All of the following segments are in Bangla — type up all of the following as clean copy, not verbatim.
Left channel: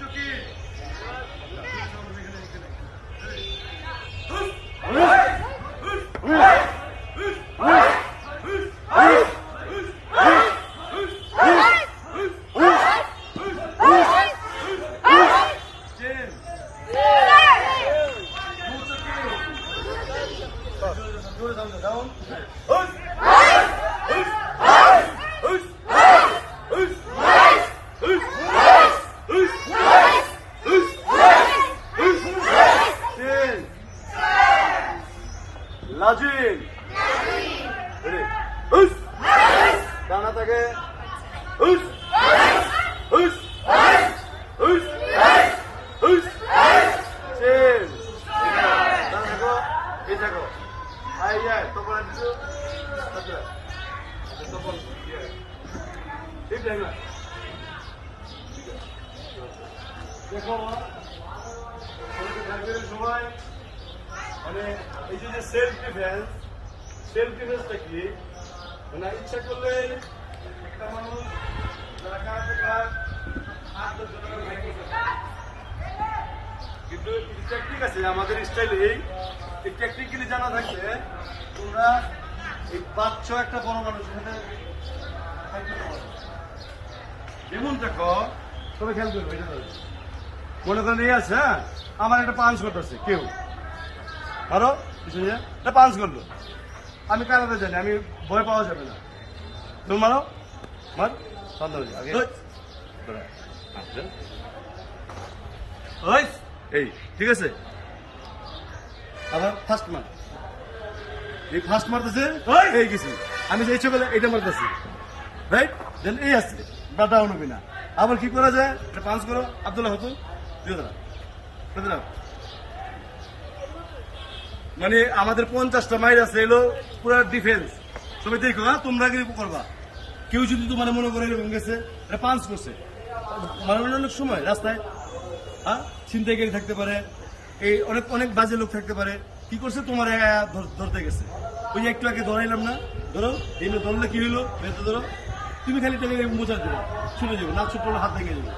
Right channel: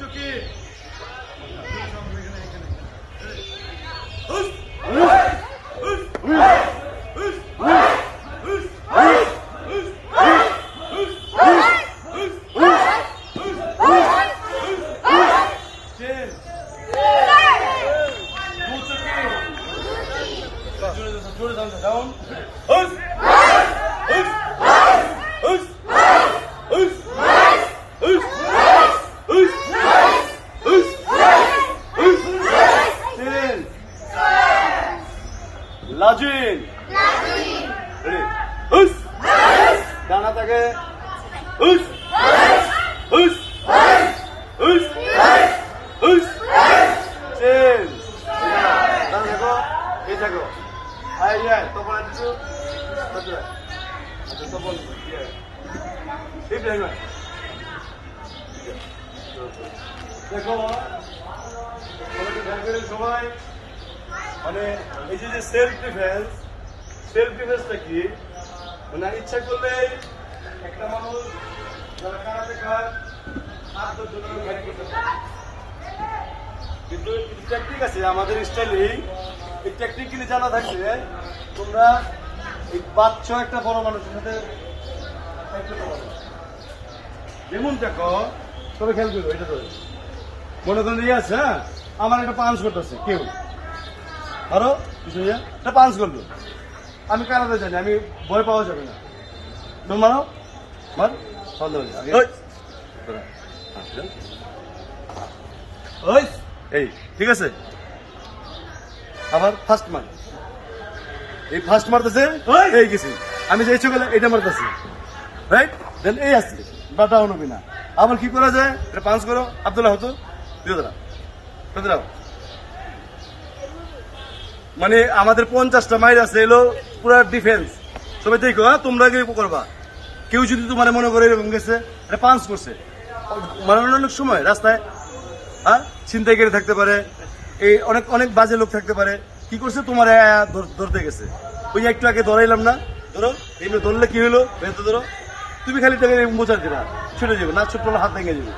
চুকি Lajin. Ready? Dana take. Us. Chin. Dana go. Ei thaklo. Aiya, topol dicho. Topol. Ei দেখো। দেখো। সবাই মানে এই যে সেলফ ডিফেন্সটা কি মানে ইচ্ছা করলে একটা মানুষ যারা কারাতে খায় 8-10 জনের ফাইট করতে পারে, কিন্তু টেকনিক আছে আমাদের স্টাইলে। এই টেকনিক কিন্তু জানা থাকলে তোমরা এই বাচ্চা একটা বড় মানুষের সাথে ফাইট করতে পারবে। যেমন দেখো তবে খেয়াল করো, এটা ধরে মনে করেন এই আছে, হ্যাঁ আমার একটা পাঞ্চ করতেছে কেউ, আরো এটা পাঞ্চ করলো, আমি কারাতে জানি, আমি ভয় পাওয়া যাবে না। তুমি মারো, মার সন্দেহ আগে এই ঠিক আছে। আমার ফার্স্ট মার, এই ফার্স্ট মারতেছে এই কিছু, আমি যে ইচ্ছে করলে এটা মারতেছি, রাইট? দেন এই আসছে বাধা অনুবি না। আবার কি করা যায়, এটা পাঞ্চ করো, আব্দুল্লাহ হতো দিয়ে দাঁড়াও। মানে আমাদের 50টা মাইল আছে, এলো পুরা ডিফেন্স। সবাই দেখো, হ্যাঁ তোমরা কি করবা, কেউ যদি তোমার মনে করে এরকম গেছে এটা পাঞ্চ করছে, মানে অনেক সময় রাস্তায় হ্যাঁ ছিনতাইকারী থাকতে পারে, এই অনেক বাজে লোক থাকতে পারে, কি করছে তোমার ধরতে গেছে, ওই একটু আগে ধরাইলাম না, ধরো এই ধরলে কি হলো, ধরো তুমি খালি টাকা মোচার দিবা, ছুটে যাবে না, ছোট্ট হাত ভেঙে যাবে।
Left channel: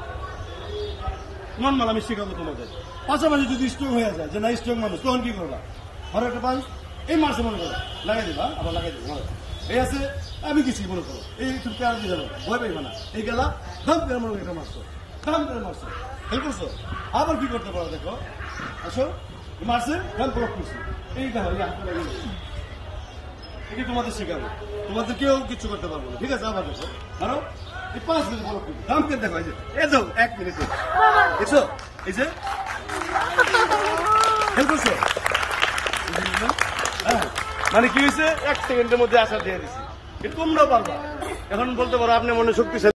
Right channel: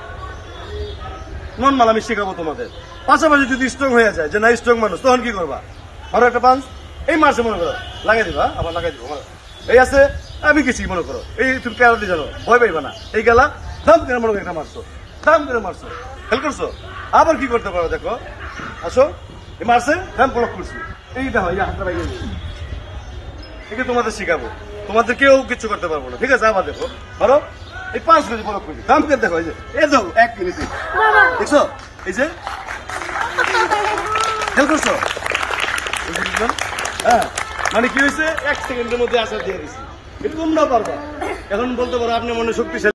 মন মাল আমি শেখাবো তোমাদের। পাশাপাশি যদি স্ট্রং হয়ে যায় যে না স্ট্রং মানুষ, তখন কি করবা, আরো একটা পাঞ্চ এই মারছে মনে করো, লাগাই দিবা, আবার লাগাই দিব, এই আছে আমি গেছি মনে করো, এই তুমি কেন দিয়ে জানো, ভয় পাইবা না, এই গেলা দাম কেন মনে করো, একটা মারছো দাম কেন মারছো, খেয়াল করছো। আবার কি করতে পারো, দেখো আসো এই মারছে দাম ব্লক করছি, এইটা হয় হাতটা বাইরে, এটা তোমাদের শিখাবো, তোমাদের কেউ কিছু করতে পারবো না, ঠিক আছে। আবার দেখো ধরো এই 5 কেজি ব্লক করছি, দাম কেন দেখো, এই যে এই দাও 1 মিনিটে, দেখছো এই যে খেয়াল করছো, হ্যাঁ মানে কি হয়েছে 1 সেকেন্ডের মধ্যে আসার দিয়ে দিচ্ছি, তোমরাও পারবা। এখন বলতে পারো আপনার মনে শক্তিশালী।